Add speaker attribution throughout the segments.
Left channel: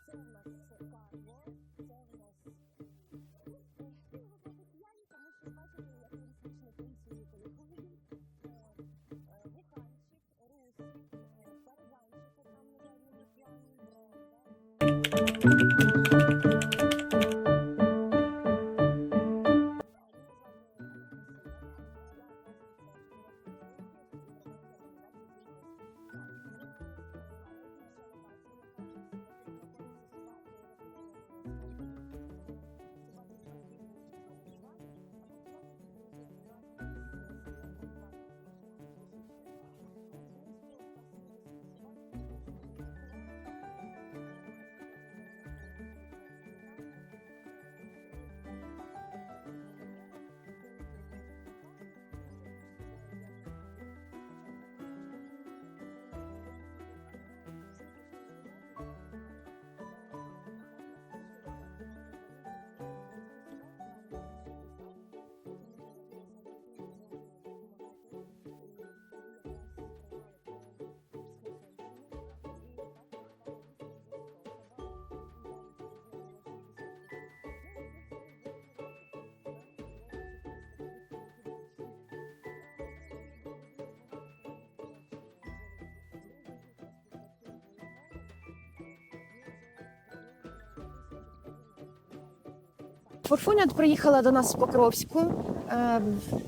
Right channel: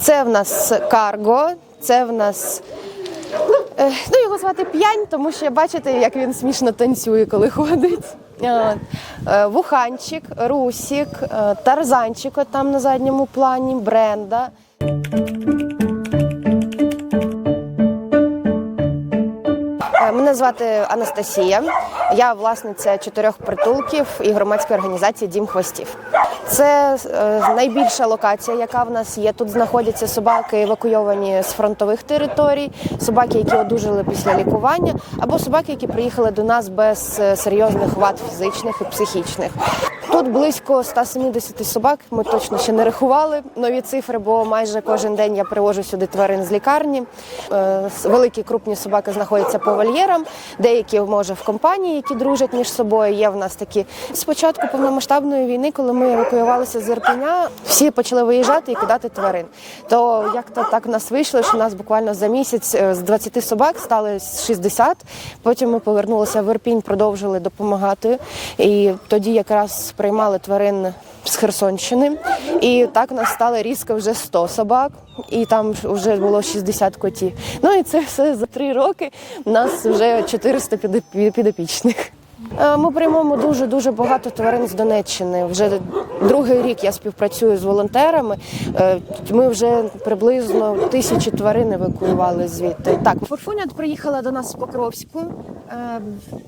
Speaker 1: Це в нас карго, це в нас. е, Ну, його звати п'янь, тому що бачите, як він смішно танцює, коли ходить. Е, Вуханчик, Русік, е, Тарзанчик там на задньому плані, Бренда. Мене звати Анастасія. Я власниця чотирьох притулків і громадської організації Дім хвостів. Це е, найбільша локація, яка в нас є. Тут знаходяться собаки, евакуйовані з фронтових територій, собаки, які одужали після лікування, або собаки, які приїхали до нас без е, серйозних вад фізичних і психічних. Тут близько 170 собак. Ми точно ще не рахували нові цифри, бо майже кожен день я привожу сюди тварин з лікарні. Е, Великі крупні собаки знаходяться по вольєрам, деякі може в компанії, які дружать між собою. Є в нас такі з початку повномасштабної війни, коли ми евакуювалися з Ірпеня, всі почали виїжджати і кидати тварин. То як то так в нас вийшло, що в нас буквально за місяць е, з 20 собак стали 60. Потім ми повернулися в Ірпінь, продовжили допомагати. І тоді якраз приймали тварин з Херсонщини. І так у нас стало різко вже 100 собак, і там вже було 60 котів. Ну і це все за три роки. У нас вже 400 підопі- підопічних. Е, Ми приймемо дуже дуже багато тварин з Донеччини. Вже другий рік я співпрацюю з волонтерами. Е, Ми вже приблизно тисячі тварин евакуювали звідти. Так, Форфуня приїхала до нас з Покровську. Е,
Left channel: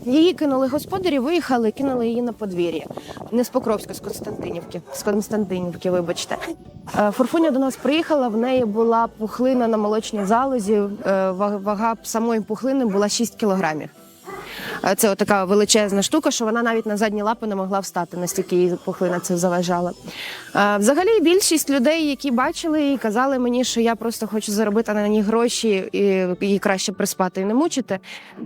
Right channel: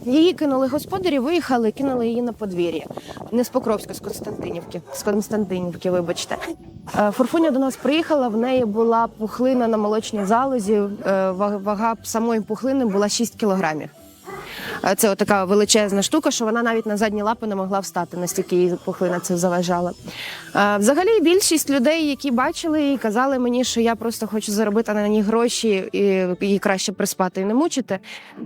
Speaker 1: Її кинули господарі, виїхали, кинули її на подвір'я. Не з Покровська, з Константинівки. З Константинівки, вибачте. Е, Форфуня до нас приїхала. В неї була пухлина на молочній залозі. Е, Вага самої пухлини була 6 кілограмів. Е, Це така величезна штука, що вона навіть на задні лапи не могла встати, настільки їй пухлина це заважала. Взагалі, більшість людей, які бачили її, казали мені, що я просто хочу заробити на ній гроші і її краще приспати і не мучити.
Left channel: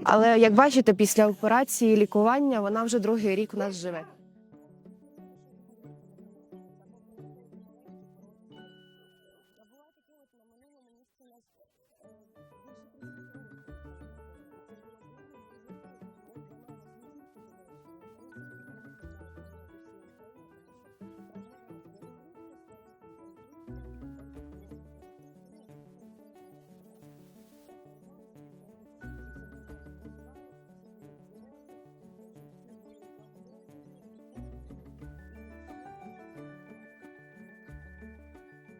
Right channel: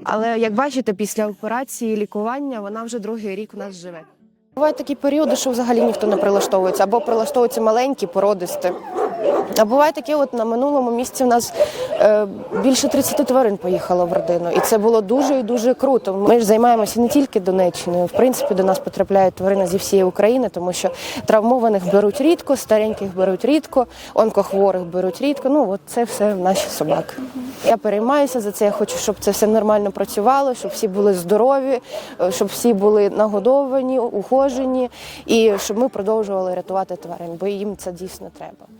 Speaker 1: Але як бачите, після операції лікування вона вже другий рік у нас живе. Бувають такі періоди, що взагалі ніхто не прилаштовується, або прилаштовуються маленькі, породисті. А буває таке, от на минулому місці у нас е, більше 30 тварин поїхало в родину, і це було дуже і дуже круто. Ми ж займаємося не тільки Донеччиною. В принципі, до нас потрапляють тварини зі всієї України, тому що травмованих беруть рідко, стареньких беруть рідко, онкохворих беруть рідко. Ну от це все наші собаки. Я переймаюся за це. Я хочу, щоб це все нормально працювало, щоб всі були здорові, е, щоб всі були нагодовані, ухожені, і щоб ми продовжували рятувати тварин, бо їм це дійсно треба.